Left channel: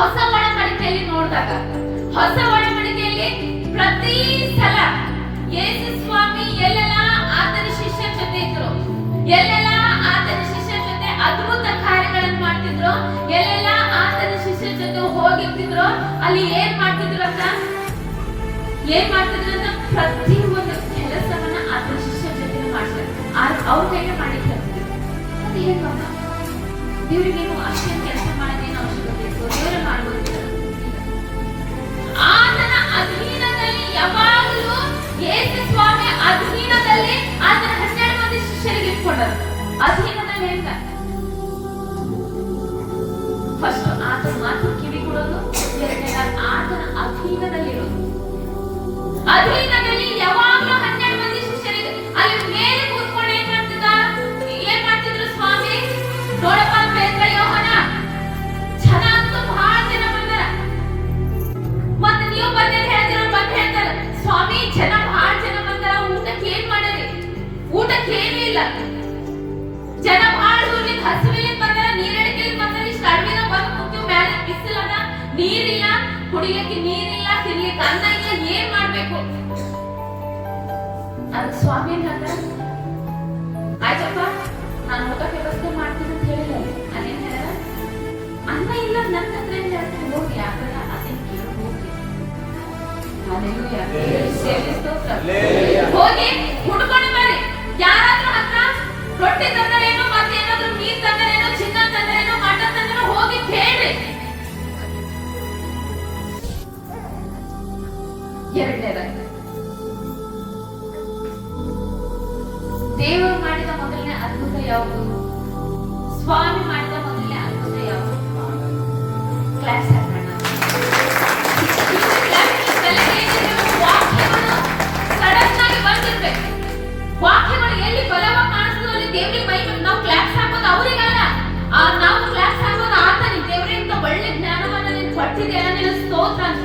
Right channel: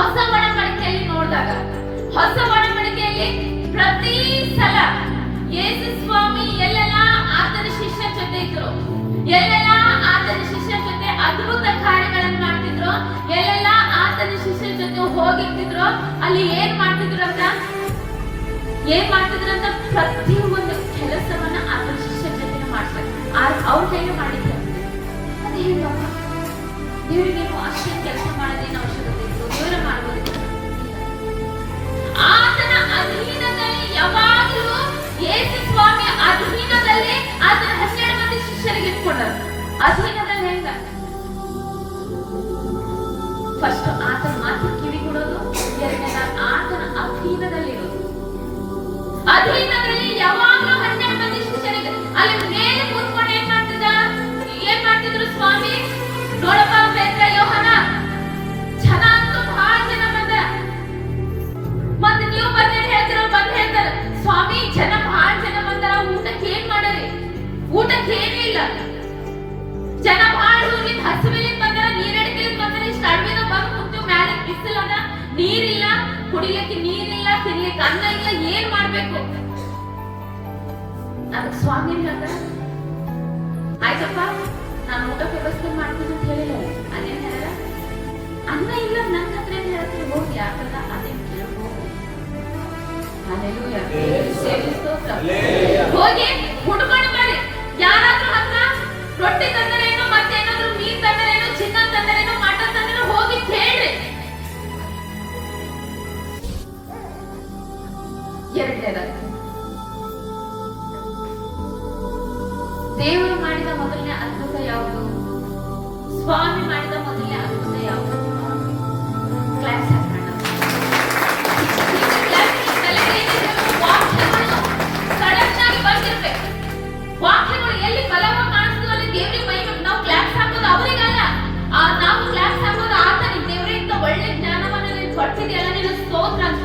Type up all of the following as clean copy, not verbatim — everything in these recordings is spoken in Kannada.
ಹೊಸ ಒಡಂಬಡಿಕೆಯಲ್ಲಿ ನೋಡಿದಾಗ, ಹೊಸ ಒಡಂಬಡಿಕೆಯಲ್ಲಿ ಪ್ರತಿ ಸಲ ಯೇಸು ಸ್ವಾಮಿ ಎಲ್ಲೆಲ್ಲ ಆತನ ಶಿಷ್ಯರ ಜೊತೆ ಇದ್ರು, ಎಲ್ಲೆಲ್ಲ ಆತನ ಶಿಷ್ಯರ ಜೊತೆ ಅದ್ಭುತ ಕಾರ್ಯಗಳನ್ನು ಮಾಡ್ತಿದ್ರು, ಎಲ್ಲೆಲ್ಲ ಆತನ ಶಿಷ್ಯರ ಜೊತೆ ಹೋಗಿರ್ತಿದ್ರು, ಅಲ್ಲಿ ಏನ್ ಮಾಡ್ತಿದ್ರು ಅಂತ ಪ್ರತಿ ಒಂದು ಕೆಲಸವನ್ನ ಆತನ ಶಿಷ್ಯರ ಜೊತೆ ಮಾಡ್ತಾರೆ. ಅವ್ರ ಹೇಗೆ ಮಾಡಿದ್ರು ಅದು ಏನು ದೇವರಿಗೆ ಅಷ್ಟೇನು ಕೆಲಸ ಮಾಡೋದೇನು ಅವಶ್ಯಕತೆ ಇತ್ತು? ದೇವರ ಮಾಡಬಹುದು. ಆತನ ಅಧೀನದಲ್ಲಿ ಯಾವಾಗಲೂ ಯೇಸು ಸ್ವಾಮಿ ಅಧೀನದಲ್ಲಿ ಆತನ 12 ಮಂದಿ ಶಿಷ್ಯರಿಗೆ ಇಟ್ಕೊಂಡರು. ಅಧೀನದಲ್ಲಿ ಹೆಂಗ? ಫಸ್ಟ್ ಆತನ ಮಾತು ಕಿವಿ ಕೊಡೋದು, ಎರಡನೇದ ಆತನ ಅಧೀನದಲ್ಲಿರೋದು. ಅಧೀನದಲ್ಲಿ ಯಾವಾಗಲೂ 12 ಮಂದಿ ಶಿಷ್ಯರಿಗೆ ಅಲ್ಲಿ ಮೇಲೆ ಕೂತ್ಕೊಂಡು ಏನ್ ಮಾಡ್ತಿದ್ರು ಸ್ವಾಮಿ? ನೋಡಪ್ಪ ಪೇತ್ರ, ಯೋಹಾನ, ಜನ ಅಂತೂ ಬಹಳ ಜನ ಬಂದಾರ. ಮತ್ತೆ ನೀವು ಬಂದೇನ್ ಹೇಳ್ತೀರ? ಬಂದ್ ಹೇಳ್ತಾರೆ, ಸ್ವಾಮಿ ಜನ ಬಹಳ ಜನ ಬಂದಾರ, ಊಟಕ್ಕೆ ಏನ್ ಮಾಡರಿ? ಊಟಕ್ಕೆ ಏನಿಲ್ಲ. ಜನ ಬಹಳ ದೂರದಿಂದ ಹಸಿವಿಲಿಂದ ಬಂದಾರ, ನೀರಡಿಕೆಲಿಂದ ಬಂದಾರ. ಇಷ್ಟು ಅಡವಿನ ಬಂದು ಕುಂತೀವಿ, ಮ್ಯಾಲೆ ಬಿಸಿಲದ, ನೀರಿಲ್ಲ, ಕುಡಿಲಿಕ್ಕೆ ನೀರಿಲ್ಲ, ತಿನ್ಲಿಕ್ಕೆ ಅನ್ನ ಇಲ್ಲ, ಏನ್ ಮಾಡ್ಬೇಕು? ಅದಕ್ಕೆ ಸ್ವಾಮಿ ಏನ್ ಹೇಳ್ತಾರ? ಆಯ್ತಪ್ಪ, ನಾನು ಊಟಕ್ಕೆ ವ್ಯವಸ್ಥೆ ಮಾಡ್ತೀನಿ ಅಂತ ಹೇಳಿಲ್ಲ. ಅಲ್ಲೇನ್ ಹೇಳ? ಅನ್ನ ಇಲ್ಲ, ನನ್ನ ಹತ್ರ ಏನ್ ಹೇಳ್ತೀನಿ? ಹೋಗಿ ಆಗಲ್ಲ, ಅದೇನ್ ಕೇಳಿ ಹೋಗಿ. ಹೋಗಿ ಹುಡ್ಕೊಂಡು ಬರ್ರಿ. ಯಾರಾದ್ರೂ ಹತ್ರ ರೊಟ್ಟಿ ತಂದರೇನೋ, ಮತ್ತೇನಾದ್ರೂ ನೀರ್ ತಂದರೇನೋ, ಚಿನ್ನ ತಂದರೇನೋ, ಮಟನ್ ತಂದರೇನೋ, ಹೋಗಿ ಕೇಳ್ರಿ. ಎರಡನೇದಾಗಿ ದೇವರು ಮಾಡಿದ ಮೊದಲನೇ ಅದ್ಭುತ ಯಾವುದು? ಸ್ವಾಮಿ ಮಾಡಿದ ಮೊದಲನೇ ಅದ್ಭುತ ಯಾವುದು? ಕ್ಲಾಸ್ ವಾಕ್ಯಗಳು ಎಲ್ಲಿ ಬಲವಾಗಿ ಕಾಣಿಸ್ತದೋ ಅಲ್ಲಿ ದೇವರಿಗೆ ಮಹಿಮೆ. ನಾವು ಕ್ಲಾಸ್ ಹಾಕೋದು ಅವರಿಗಲ್ಲ, ನಾವು ಕ್ಲಾಸ್ ಹಾಕೋದು ಆತನಿಗೆ. ದೇವರೇ ಇಂತ ಒಳ್ಳೆ ಜ್ಞಾನವನ್ನ ನೀನು ಕೊಟ್ಟಿದೆಯಲ್ಲ, ನೀನು ಸ್ತೋತ್ರ ಅಂತ.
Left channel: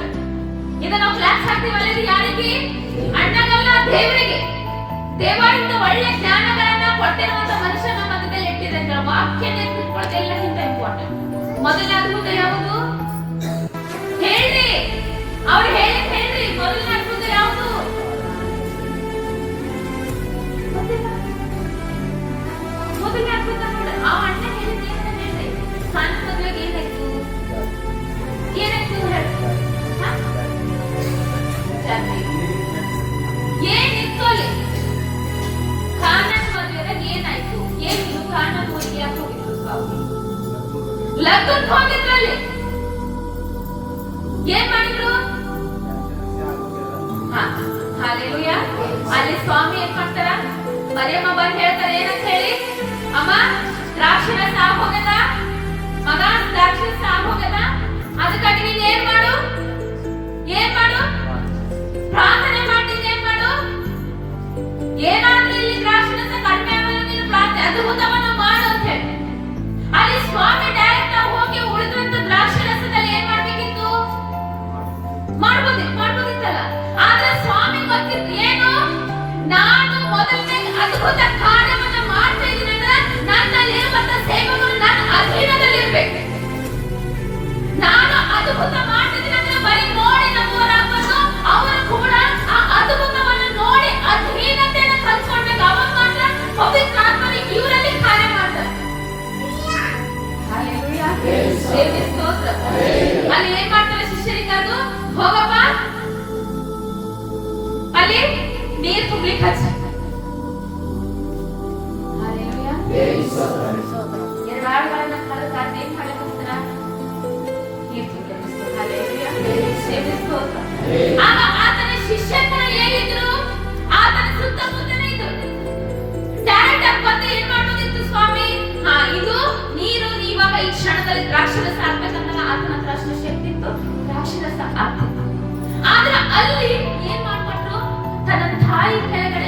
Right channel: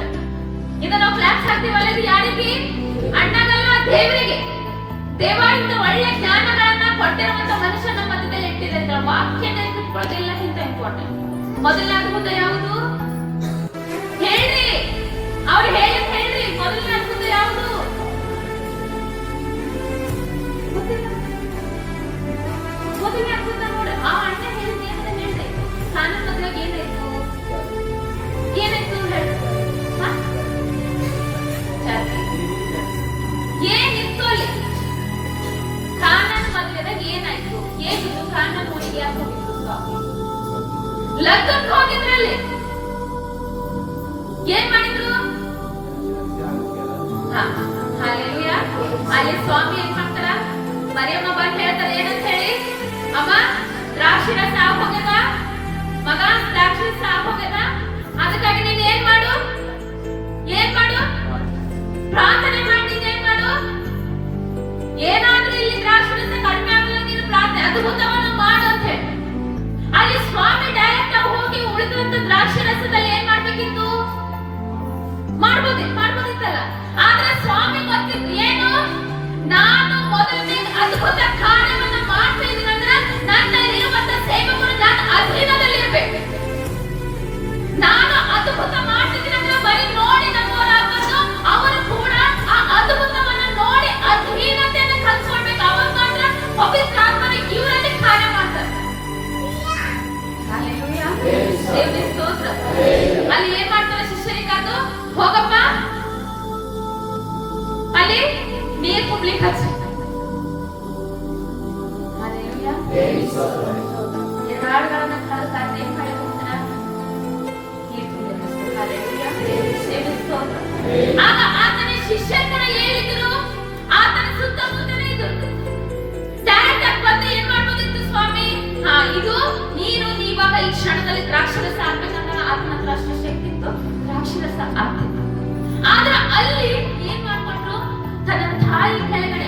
ಇದ ನಾವು ಕ್ಲಾಸ್ ಹಾಕ್ತೀವಲ್ಲ, ಇದು ಯಾರಿಗೆ? ಅಣ್ಣಗಲ್ಲ, ದೇವರಿಗೆ. ದೇವ ಇಂತ ಒಳ್ಳೆ ಜ್ಞಾನಗಳನ್ನ ಕೊಟ್ಟಿರುವಂತ ಮನುಷ್ಯ ನಮ್ಮ ಮಧ್ಯದಲ್ಲಿ ಇಟ್ಟಿದೆ ಅಂತ ವಾಕ್ಯನ ಇಟ್ಕೊಳ್ಳೋದು ಎಲ್ಲಕ್ಕಿಂತ ಇಂಪಾರ್ಟೆಂಟ್. ಮೊದಲನೇ ಅದ್ಭುತ ಯಾವುದು ಹೇಳ್ರಿ? ಅವ್ರು ಹೇಳ್ರಿ, ಮೊದಲನೇ ಅದ್ಭುತ ಯಾವುದು? ಮೊದಲನೇ ಅದ್ಭುತ ನೋಡ, ಆ ಅಣ್ಣ ಹೇಳಿದ ಏನಾರ ಹೇಳ್ರಿ. ಕಾನೂನು ಮದುವೆಗೆ ಏನಾಯ್ತು? ಏನಾಯ್ತು ಹೇಳಿ? ಏನಿತ್ತು ಅಲ್ಲಿ? ಕಾನೂನು ಮದುವೆದಾಗ ಏನಾಯ್ತು? ಏನಿದು? ಕಾನೂನು ಊರಿಗೆ ಯಾಕೆ ಹೋಗಿದ್ರು ಸ್ವಾಮಿ? ಲಗ್ನಕ್ಕೆ ಹೋಗಿದ್ರಲ್ಲಿ ಏನ್ ಮಾಡಿದ್ರು? ಹಾಲೆಲೂಯಾ. ಅಲ್ಲಿ ಸ್ವಾಮಿ ಏನ್ ಮಾಡ್ತಾರ? ಮರಿಯಮ್ಮ ಬಂದು ಹೇಳ್ತಾರೆ, ಏನಂತ ಹೇಳಿ? ಅಮ್ಮ, ದ್ರಾಕ್ಷಿ ರಸ ಆಗೋಗದ, ಮಗ ದ್ರಾಕ್ಷಿ ರಸ ಆಗೋಗದ, ಅದಕ್ಕಾಗಿ ನೀನ್ ಏನ್ ಮಾಡು? ಪ್ರಾರ್ಥನೆ ಮಾಡಿದ್ರೆ ಏನ್ ಮಾಡು? ಏನಾದ್ರೂ ಇಲ್ಲಿ ದ್ರಾಕ್ಷಿ ರಸ ಕಡಿಮೆ ಆಗಲ್ಲ, ನೀನು ಪ್ರಾರ್ಥನೆ ಅದ್ಭುತವನ್ನು ಮಾಡು ಅಂತ ಹೇಳಿ. ಅಲ್ಲಿ ಸ್ವಾಮಿ ಡೈರೆಕ್ಟ್ ಆಗಿ ಹೋಗಿ ಉಳಿದಂತ ದ್ರಾಕ್ಷಿ ರಸದಲ್ಲಿ ಏನ್ ಮಾಡ್ಬೇಕಿತ್ತು? ಮಾಡ್ಬೋದಿತ್ತಲ್ಲ. ಆದ್ರೆ ಸ್ವಾಮಿ ಗೊತ್ತಿತ್ತು ಏನು? ನಾನು ಮೊದಲನೇ ಅದ್ಭುತ ಕಾರ್ಯವನ್ನ ಮಾಡ್ತಾ ಇದ್ದೀನಂದ್ರೆ ನನ್ನಲ್ಲಿರುವಂತ ಸೇವಕರು ನನ್ನ ಅಧೀನದಲ್ಲಿರ್ಬೇಕು. ನಾನು ಅದ್ಭುತ ಮಾಡ್ತಿದ್ದೀನಿ ಅಂದ್ರೆ ಬರೀ ನೋಡಿ ನಂಬುವರಾಗಬಾರ್ದು, ಅವರು ಕೂಡ ಆ ಅದ್ಭುತವನ್ನು ನೋಡಿ ಅಧೀನತೆಯನ್ನು ಕಲ್ಸ್ಕೊಳ್ಬೇಕು. ಅವಾಗ ಮಾತ್ರ ಪವಿತ್ರ ಆತ್ಮನು ಇವರಲ್ಲಿ ಕಾರ್ಯ ಮಾಡ್ತಾರೆ. ಹಲ್ಲೆಲೂಯಾ. ದೇವರೇ ಸ್ತೋತ್ರ. ಅಲ್ಲಿ ಏನ್ ಮಾಡ್ತಾರೆ ಶಿಷ್ಯರಿಗಾದ್ರು? ಹೋಗಪ್ಪ, ಅಲ್ಲಿ ನೀರ್ ಕುಡ್ಲಿಕ್ಕೆ ಹಚ್ಚ. ಎರಡಾಳುಗಳನ್ನ ಕಳೆದ ಏನ್ ಮಾಡಕ್ ಹೋಗ್ತಾರ? ನೀರ್ ಕುಡ್ಲಿಕ್ಕೆ. ಆಗ ಆತನ ಶಿಷ್ಯರ ಹೇಳಿದ್ರು, ಆತನ ಸುತ್ತಮುತ್ತನೇ ಇದ್ರು. ಡೈರೆಕ್ಟ್ ಆಗಿ ಬಂದು ಏನ್ ಮಾಡ್ಬೋದಿತ್ತು ಸ್ವಾಮಿ? ಇದು ನೀರು, ನೀವಾಗ ಈ ಕ್ಷಣದಲ್ಲಿ ದ್ರಾಕ್ಷರಸ ಆಗ್ಬೇಕಂದಾಗ ಆತನ ಹತ್ರ ಅಷ್ಟು ಶಕ್ತಿ ಇತ್ತು, ದ್ರಾಕ್ಷರಸ ಆಗ್ತಿತ್ತು. ಆದ್ರೆ ಅಲ್ಲಿ ಏನ್ ಮಾಡ್ಕೊಟ್ರು? ತನ್ನ ತಾಯಿ ಕೆಳಗಡೆ